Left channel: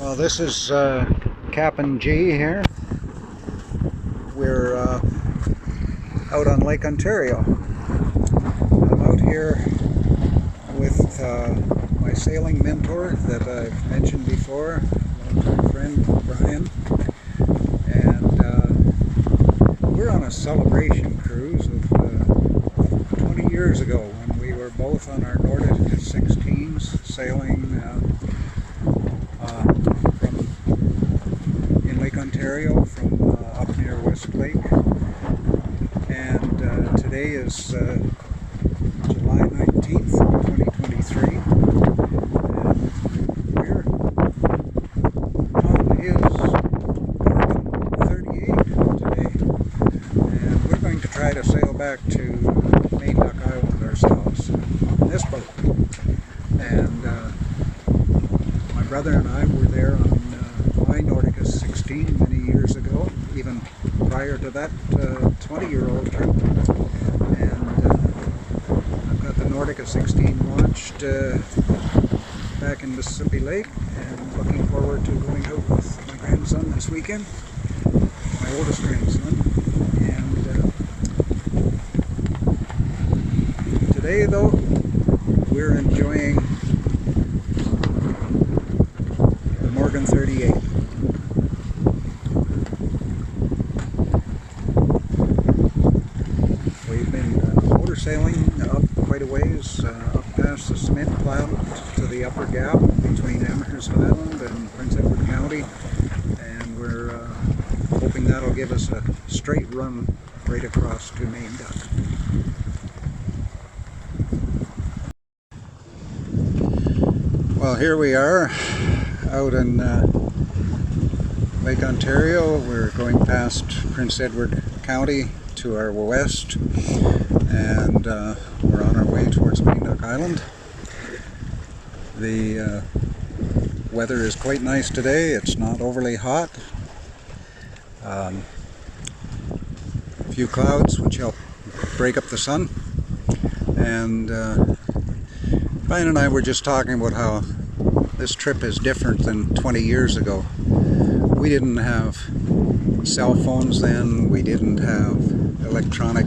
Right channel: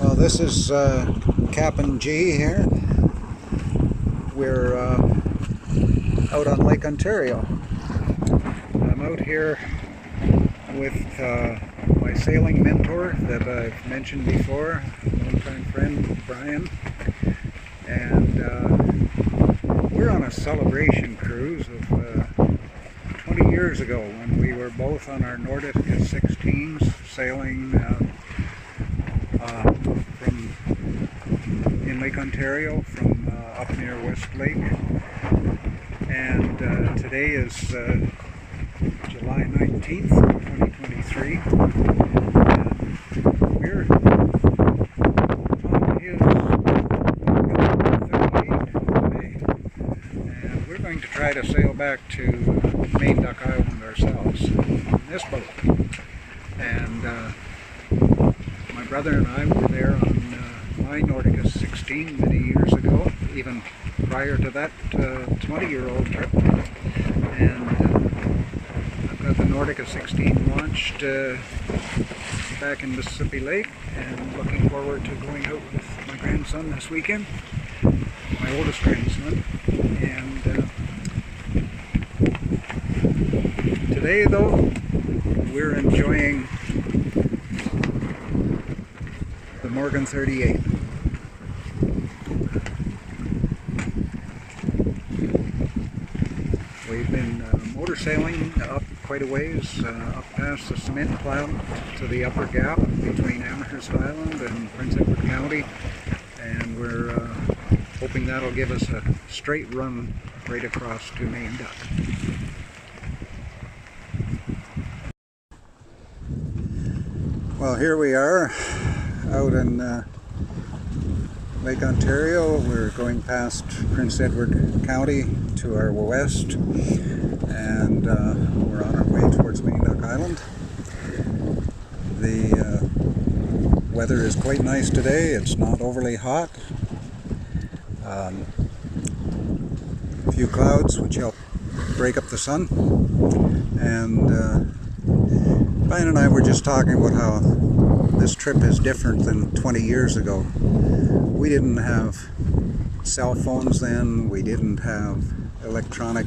Well, this is Captain G here. We're out on Lake Ontario. I'm out here with my sailing mentor that I've mentioned before, longtime friend Brian, and we're on a celebration cruise of 20 years ago when we were both on our Nordica 16s sailing from in Lake Ontario from up near West Lake, and today is July 19th, 2023, and we're on his Nordica 38 today, and we're going to try to sail back to Main Duck Island ourselves on this boat. And my brother and I were there on my Nordica 16 many years ago, even prior to that 20-year-old trip. And I've got the Nordica 16 launched back in Mississippi Lake, and looking forward to going out with my grandson this weekend, my oldest grandson. And today, though, we're enjoying the Morgan 38. We've been motor sailing up quite a ways, up past the cement plant to the upper gap between Amherst Island and Prince Edward County, and we're hoping that'll give us a straight run right across to Main Duck. Well, here we are out in Lake Ontario. We're going past Prince Edward County to our west, and we're on our way towards Main Duck Island. The weather is quite nice today. It's not overly hot. A few clouds which help break up the sun, and Brian and I were just talking about how this trip is different than 20 years ago. We didn't have cell phones then, we didn't have electronic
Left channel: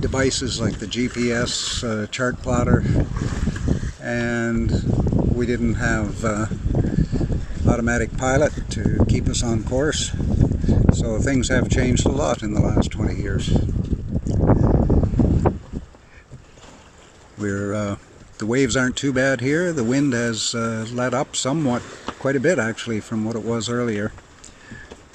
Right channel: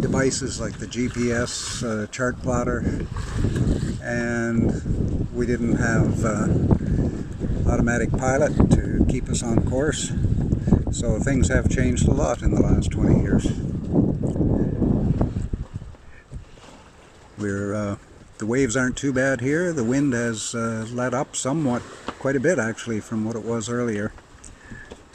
devices like the GPS chart plotter, and we didn't have automatic pilot to keep us on course. So things have changed a lot in the last 20 years. The waves aren't too bad here. The wind has let up somewhat, quite a bit actually, from what it was earlier.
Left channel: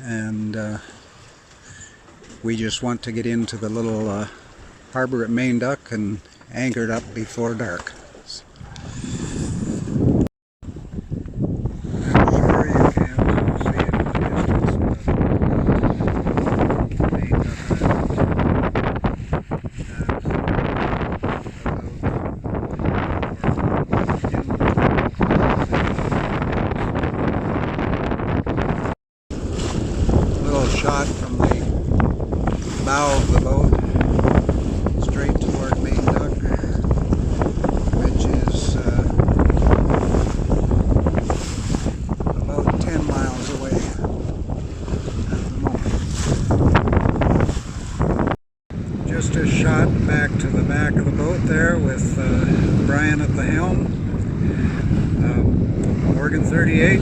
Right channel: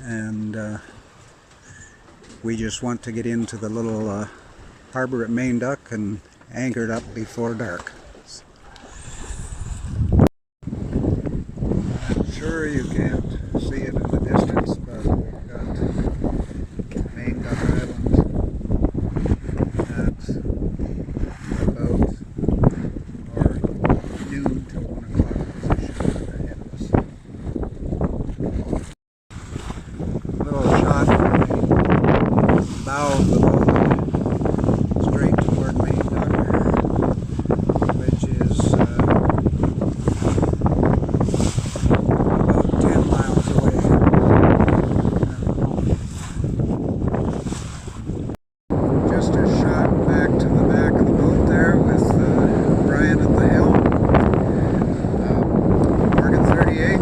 And we just want to get into the little harbor at Main Duck and anchor it up before dark. I'm sure you can see it in the distance, Main Duck Island. That's little shot from the bow of the boat straight toward Main Duck, which is about 10 miles away at the moment. Just a shot back to the back of the boat there with Brian at the helm. Morgan 38.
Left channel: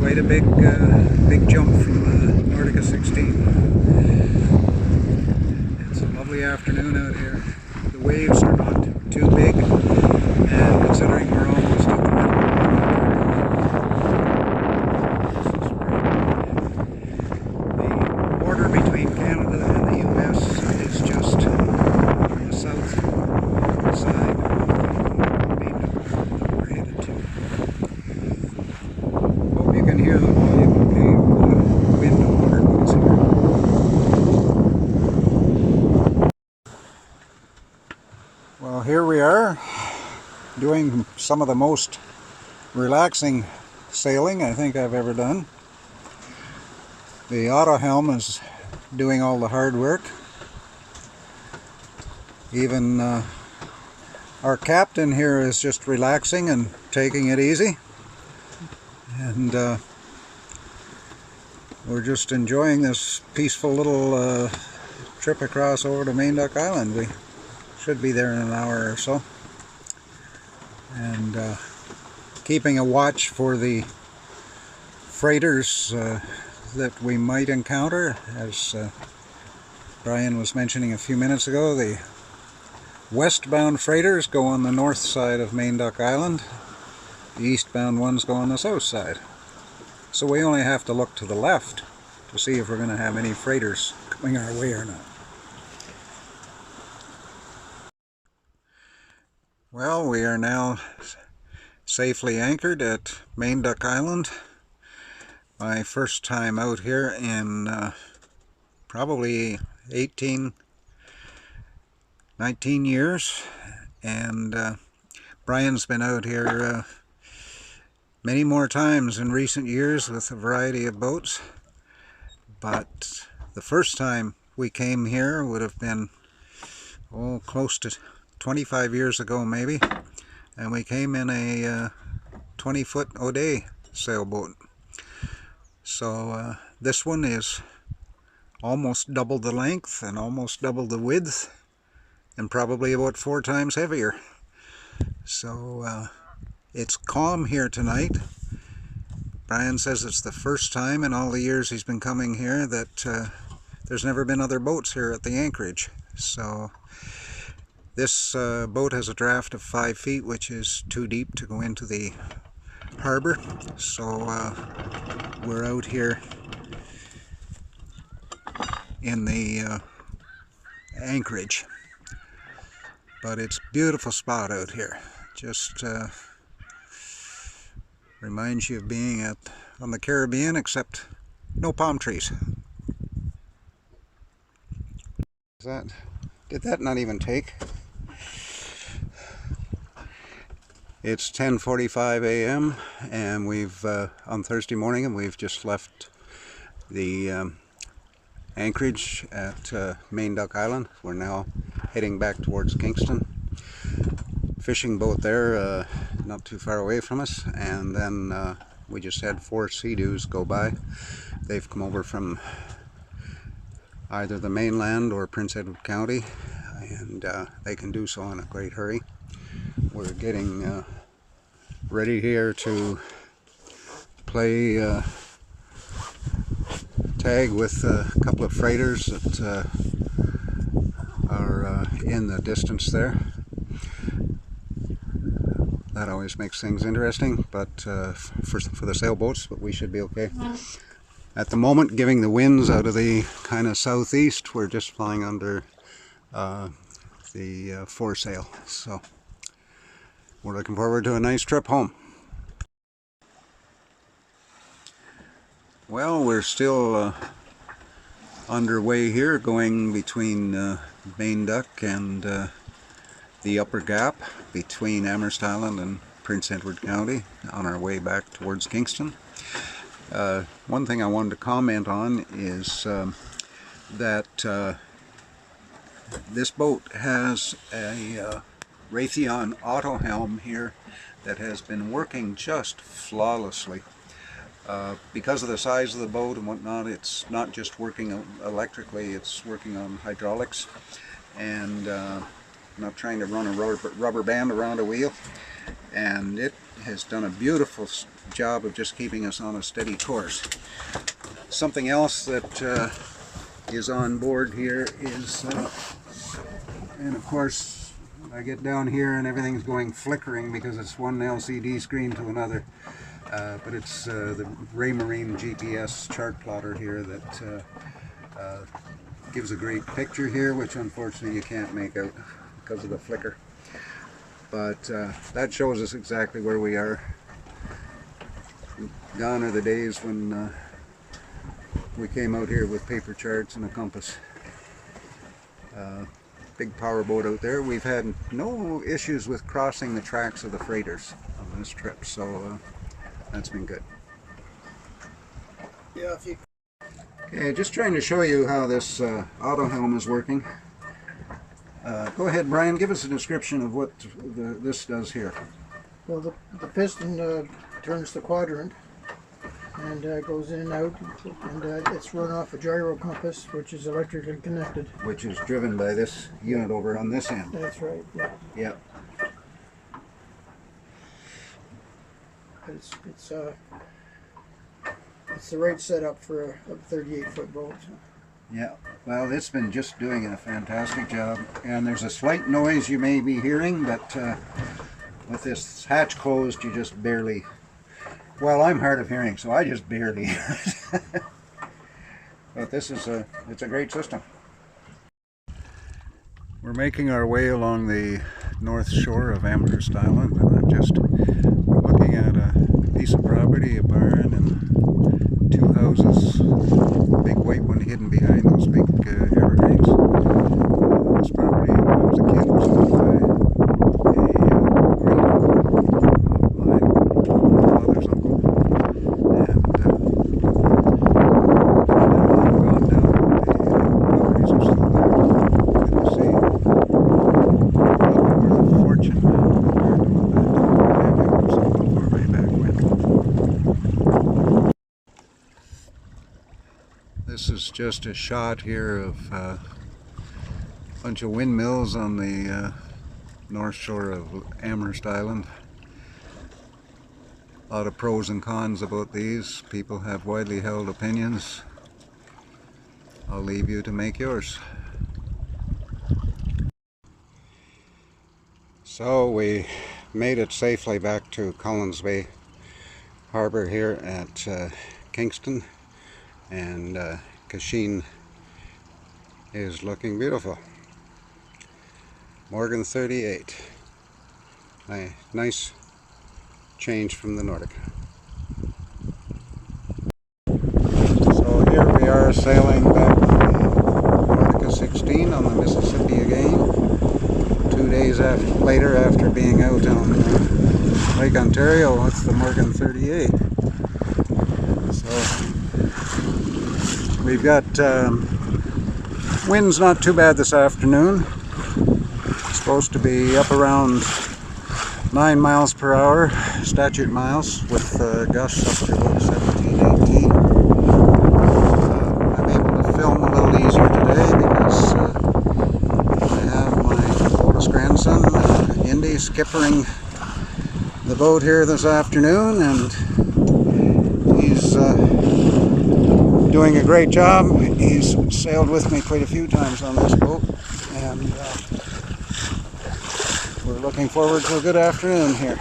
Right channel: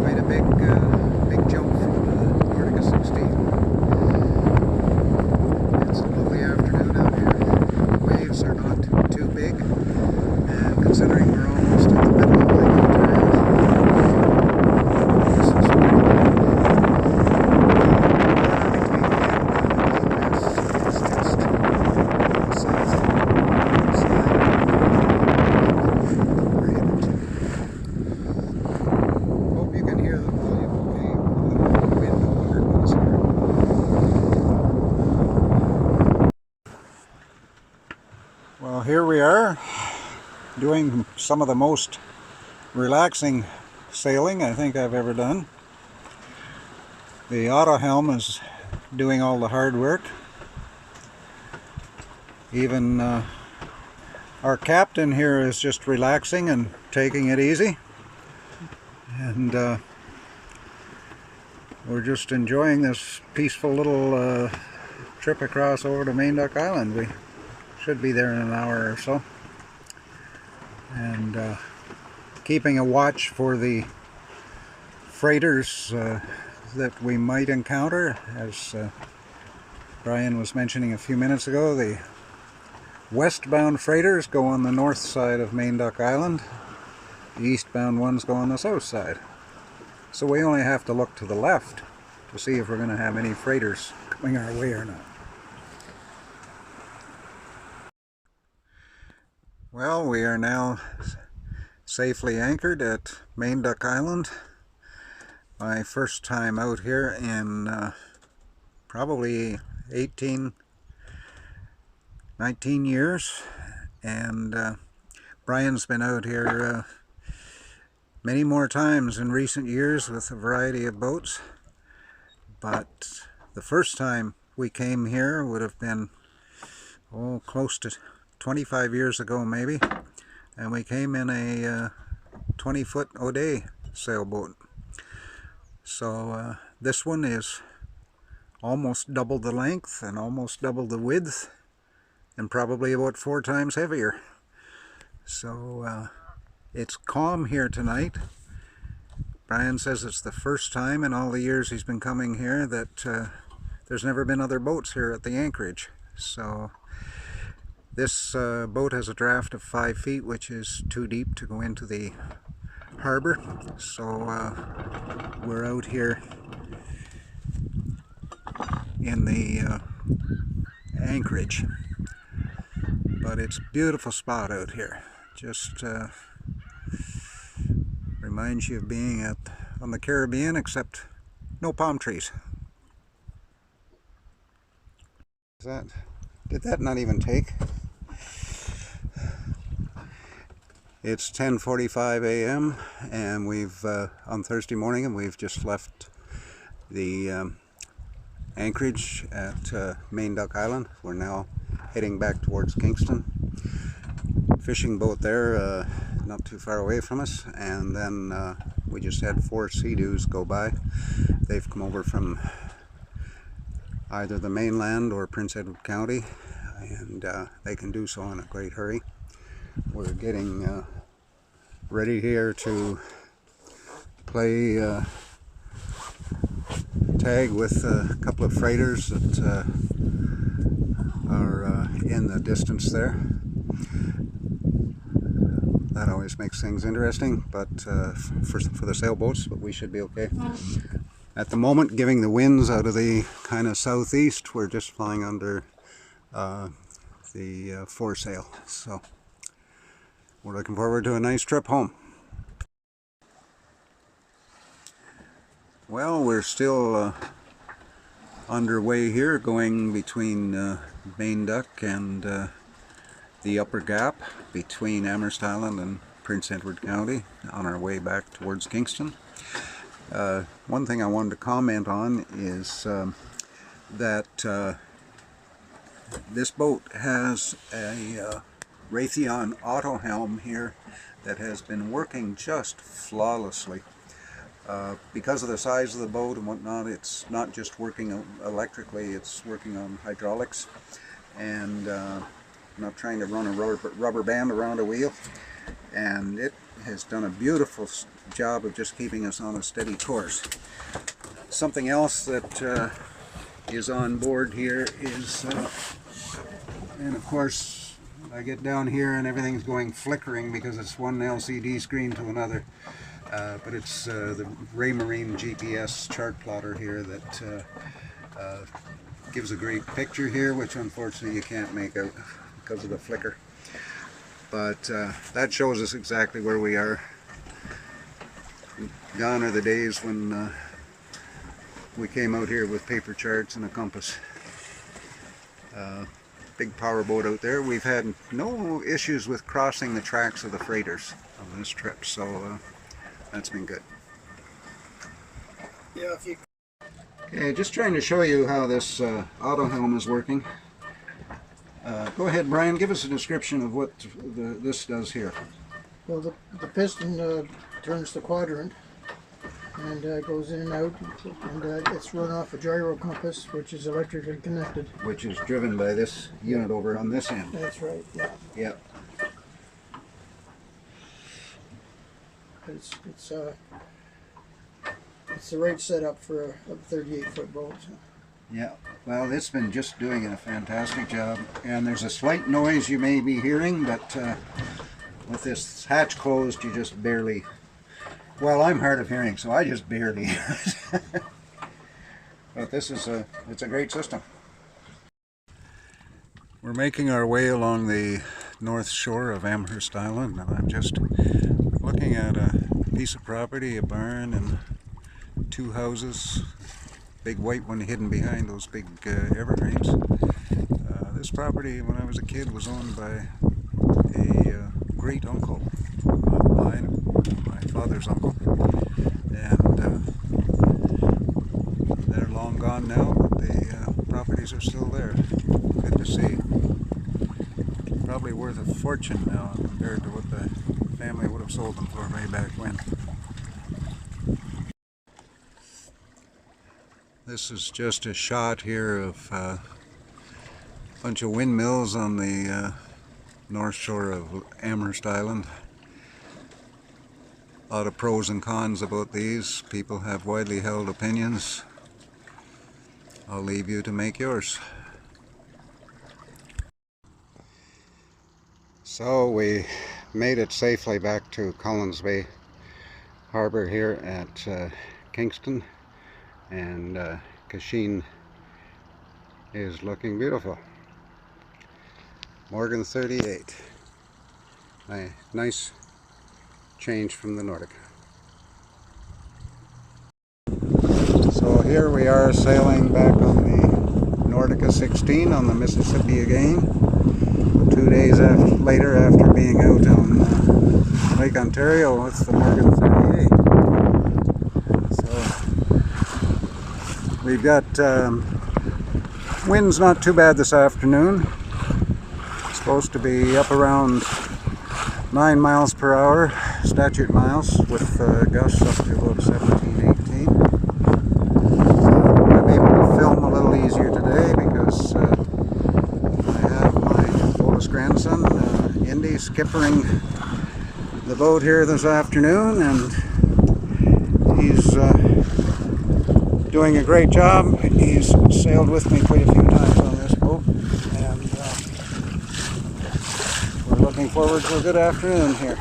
Quite a big jump from the Nordica 16. It's a lovely afternoon out here. The waves are not too big, and considering we're almost at the middle of Lake Ontario, this is the border between Canada and the US is just the south side. We're headed to. Hope you can hear the volume okay over the wind and water noise here. Well, here we are doing some of the most relaxing sailing I think I've ever done. The auto helm is doing all the hard work. Even Our captain here is just relaxing and taking it easy, and we're just enjoying this peaceful little trip across over to Main Duck Island. We should be there in an hour or so, and keeping a watch for the freighters that we might encounter. As Brian was mentioning a few minutes ago, the westbound freighters go on the north side of Main Duck Island. The eastbound ones go on the south side. So we only have to look to the left to see if we're going to have any freighters coming our way or not. Well, we are now safely anchored at Main Duck Island. My first time out here in probably 19 years, and Brian's been out here many more times in recent years with a variety of boats, but the first time we came here would have been close to 25 years ago maybe, and we came in a 20-foot O'Day sailboat. So this one is almost double the length and almost double the width, and probably about 4 times heavier. So it's calm here tonight. Brian says it's the first time in all the years he's been coming here that there's never been other boats here at the anchorage. So this boat has a draft of 5 feet, which is too deep to go into the harbor. So we're out here in the anchorage. But it's a beautiful spot out here. Just reminds you of being on the Caribbean, except no palm trees. Did that not even take? It's 10:45 a.m. and we've on Thursday morning, and we've just left the anchorage at Main Duck Island. We're now heading back towards Kingston. Fishing boat there, not too far away from us, and then we just had 4 Sea-Doos go by. They've come over from either the mainland or Prince Edward County, and they can do so in a great hurry. We're getting ready here to play tag with a couple of freighters that are in the distance there. That always makes things interesting, but for the sailboats, but we should be okay. At the moment, giving the winds out of the kind of southeast, we're just flying under the foresail. So we're looking forward to a nice trip home. Well, we're still underway here, going between Main Duck and the upper gap between Amherst Island and Prince Edward County, on our way back towards Kingston. One thing I wanted to comment on is that this boat has a Raytheon auto helm here that has been working just flawlessly. Because of the size of the boat and whatnot, it's not just working electrically, it's working on hydraulics, and not trying to run a rubber band around a wheel, and it has done a beautiful job of just keeping us on a steady course. Something else that is on board here is, and of course I get down here and everything's going flickering because it's one LCD screen to another, but it's the Raymarine GPS chart plotter here that gives a great picture here, which unfortunately you can't make out because of the flicker, but that shows us exactly where we are. Gone are the days when we came out here with paper charts and a compass. Big power boat out there. We've had no issues with crossing the tracks of the freighters on this trip, so that's been good. Yeah, Okay, just trying to show you how this auto helm is working. Go ahead, Brian. Give us a description of what this does here. Well, the piston turns the quadrant and goes in and out, and it's run off a gyro compass, which is electrically connected. Which is driven by this unit over on this end. That's right, yeah. Yep. It's the right setup for a 38-foot boat. Yeah, well, it's been just doing a fantastic job, and there's a slight noise you may be hearing, but with this hatch closed, you just barely, well, I'm hard of hearing, so I just barely hear it. But it's a great system. We're making our way along the north shore of Amherst Island, and I'm just looking at a piece of property, a barn, and 2 houses, big white one hidden behind those big evergreens. This property, when I was a kid, was owned by a great uncle of mine, my father's uncle, and they're long gone now, but the properties are still there. Good to see. Probably worth a fortune now compared to what the family would have sold them for way back when. This is just a shot here of a bunch of windmills on the north shore of Amherst Island. A lot of pros and cons about these. People have widely held opinions. I'll leave you to make yours. So we made it safely back to Collins Bay Harbor here at Kingston. And Kingston is looking beautiful. Morgan 38. Nice change from the Nordica. So here we are sailing back on the Nordica 16 on the Mississippi again. 2 days later after being out on Lake Ontario with the Morgan 38. So we've got winds not too bad this afternoon. It's supposed to be up around 9 miles per hour, statute miles, with gusts up to about 17, 18. I'm able to film a little easier today because I have my oldest grandson, Indy, skippering the boat here this afternoon, and he's doing a great job. He's sailed with me quite a few times on this boat, and we're looking forward to a good afternoon here.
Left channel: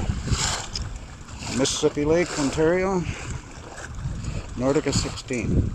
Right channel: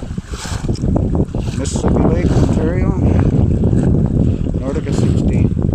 Mississippi Lake, Ontario, Nordica 16.